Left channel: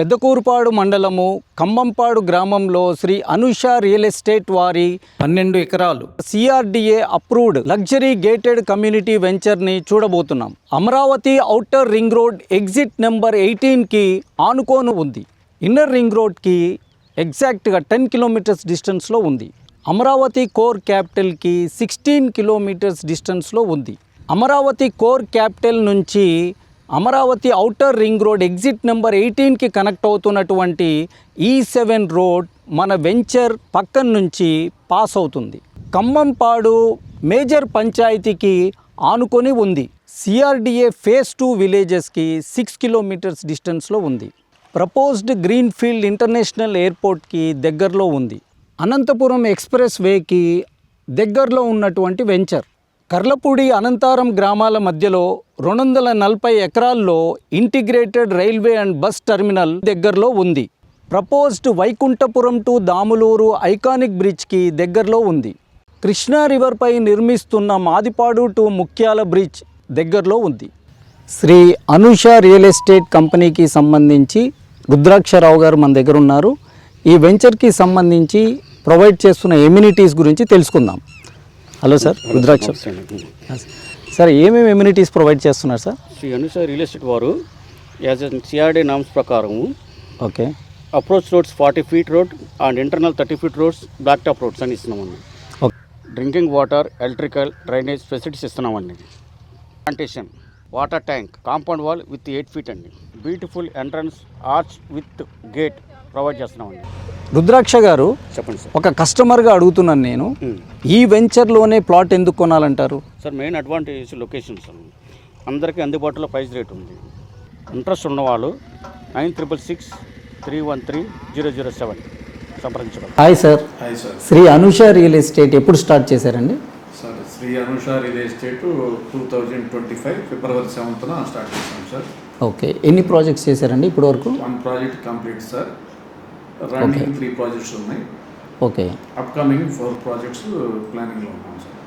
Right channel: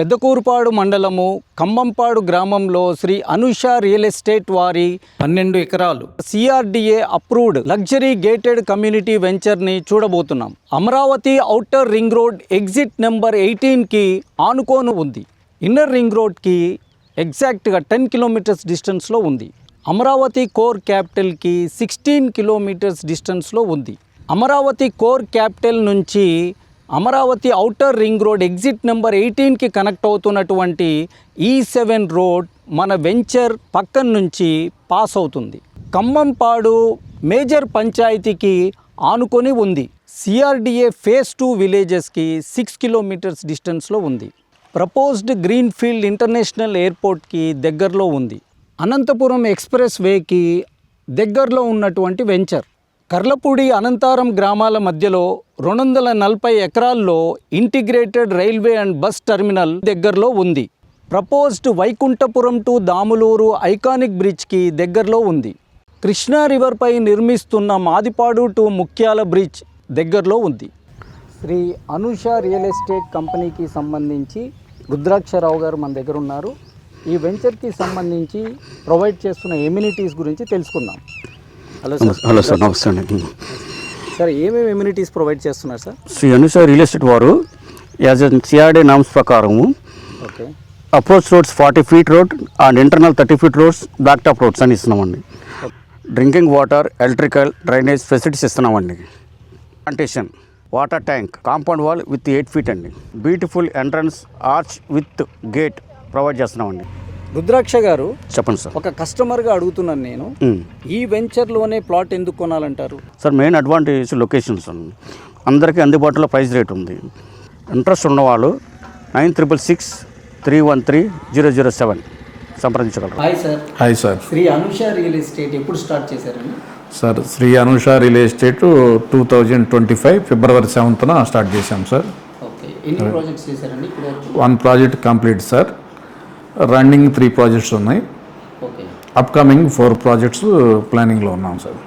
పెద్దకూరుపాడు మండలము కంబంపాడు గ్రామంలో Shri Anusha real estate వారి 12 ఎకరాలు CRDA approved luxury gated community వెంచర్ని చూడబోతున్నాం. Amaravati outer ring road exit number 18కి ఆనుకోను ఉంది. ఇన్నర్ రింగ్ రోడ్కి ఎగ్జాక్ట్గా 10 కిలోమీటర్స్ డిస్టెన్స్లో ఉంది. అమరావతి కోర్ క్యాపిటల్కి 16 కిలోమీటర్స్ డిస్టెన్స్లో ఉంది. అమరావతి కోర్ క్యాపిటల్ నుంచి Amaravati outer ring road exit number 18కి కనెక్ట్ అవుతున్నటువంటి E7 రోడ్ మన వెంచర్ పక్కన నుంచి పాస్ అవుతుంది. కంబంపాడు మేజర్ పంచాయతీకి ఆనుకొని ఉంది. సిఆర్డిఏ ఫేజ్ 2 విలేజెస్కి 6 కిలోమీటర్స్ డిస్టెన్స్లో ఉంది. ప్రపోజ్డ్ గ్రీన్ఫీల్డ్ ఇంటర్నేషనల్ ఎయిర్పోర్ట్కి దగ్గరలో ఉంది. అనంతపురం ఎక్స్ప్రెస్ వేకి దగ్గరలో ఉన్నటువంటి వెంచర్. కర్లపూడి అనంతారం గ్రామాల మధ్యలో 240 ఎకరాల్లో integrated railway and bus terminal దగ్గరలో ఉంది. Proposed Vaikunthapuram to Damuluru iconic బ్రిడ్జ్కి దగ్గరలో ఉంది. కృష్ణా రివర్పై నిర్మిస్తున్న మాదిపాడు టు ముక్యాల బ్రిడ్జ్ దగ్గరలో ఉంది. శ్రీ అనుష రియల్ ఎస్టేట్ కంపెనీకి సంబంధించి రుద్రాక్షరావు గారు మన దగ్గర ఉన్నారు. ఈ వెంచర్కి సంబంధించి ప్రొవైడ్ చేస్తున్న ఎమ్యూనిటీస్ గురించి తెలుసుకుందాం. Hello sir. హలో సార్, నమస్తే అండి. సార్, ఏమేమి ఎమ్యూనిటీస్ ప్రొవైడ్ చేస్తున్నారు sir? Shri Anusha real estate వారు యాజ్ సిఆర్డే నామ్స్ ప్రకారము okay, approach roads 40 feet road and internal 30 feet roads, blacktop roads అని ఇస్తున్నామండి. Drinking water, electrical, drainage facilities ఇస్తున్నామండి. Plantation, water tank, compound wall with 8 feet అండి. Beautiful entrance arch with gate provide చేస్తున్నామండి. రుద్రాక్ష గారు, చెప్పండి sir. ఒక కస్టమర్గా అడుగుతున్నాను నేను, ఈ వెంచర్లోనే ప్లాట్ ఎందుకు కొనాలంటారు? సార్, మెయిన్ అడ్వాంటేజ్ లొకేషన్స్ అండి. అందరికీ అందుబాటులో ప్రైస్ రేట్ ఉంది. ఇంట్రెస్ట్ ఉన్నవాళ్ళు 9663130007 సంప్రదించగలరు. Hi sir. Hi sir. Shri Anusha real estate ఎప్పుడు స్టార్ట్ చేశారండి? Sir, Shri Anusha real estate 2025 ఫిబ్రవరి 7న స్టార్ట్ చేశాం సార్. ఓకే, ఎన్ని ప్రాజెక్ట్స్ చేశారండి ఇప్పటి వరకు? 1 project complete sir. Running 3 projects ఉన్నాయి. ఓకే, అప్కమింగ్ 4 ప్రాజెక్ట్స్ ప్లానింగ్లో ఉన్నాం సార్.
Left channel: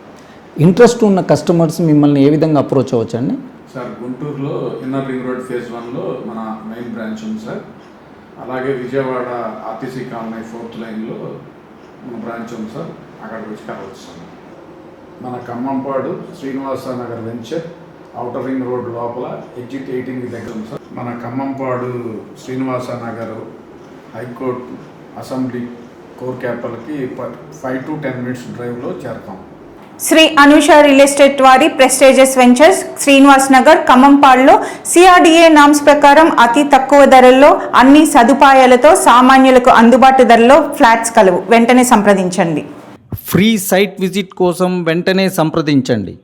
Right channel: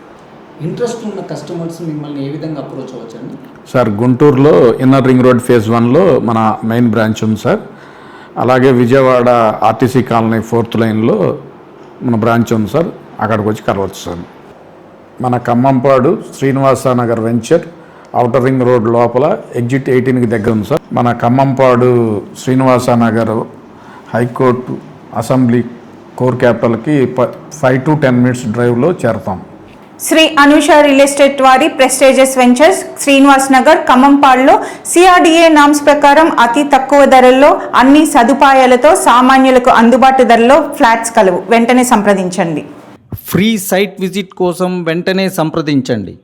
ఇంట్రెస్ట్ ఉన్న కస్టమర్స్ మిమ్మల్ని ఏ విధంగా అప్రోచ్ అవ్వచ్చండి? సార్, గుంటూరులో ఇన్నర్ రింగ్ రోడ్ ఫేజ్ 1లో మన మెయిన్ బ్రాంచ్ ఉంది సార్. అలాగే విజయవాడ ఆర్టీసీ కాలనీ 4th లైన్లో మన బ్రాంచ్ ఉంది సార్. అక్కడికి వచ్చి కలవచ్చు సార్. మన Khammampadu Srinivasa Nagar venture outer ring road లోపల ఎగ్జిట్ 18కి దగ్గర ఉంది సార్. మన Khammampadu Srinivasa Nagar high court assembly core క్యాపిటల్కి 5 to 10 మినిట్స్ డ్రైవ్లో చేరతాం. శ్రీ అనుష రియల్ ఎస్టేట్ వారి ప్రెస్టేజియస్ వెంచర్స్ శ్రీనివాస్ నగర్ ఖమ్మంపాడులో సిఆర్డిఏ నామ్స్ ప్రకారం అతి తక్కువ ధరల్లో అన్ని సదుపాయాలతో సామాన్యులకు అందుబాటు ధరలో ఫ్లాట్స్ కలవు. వెంటనే సంప్రదించండి. ఫ్రీ సైట్ విజిట్ కోసం వెంటనే సంప్రదించండి.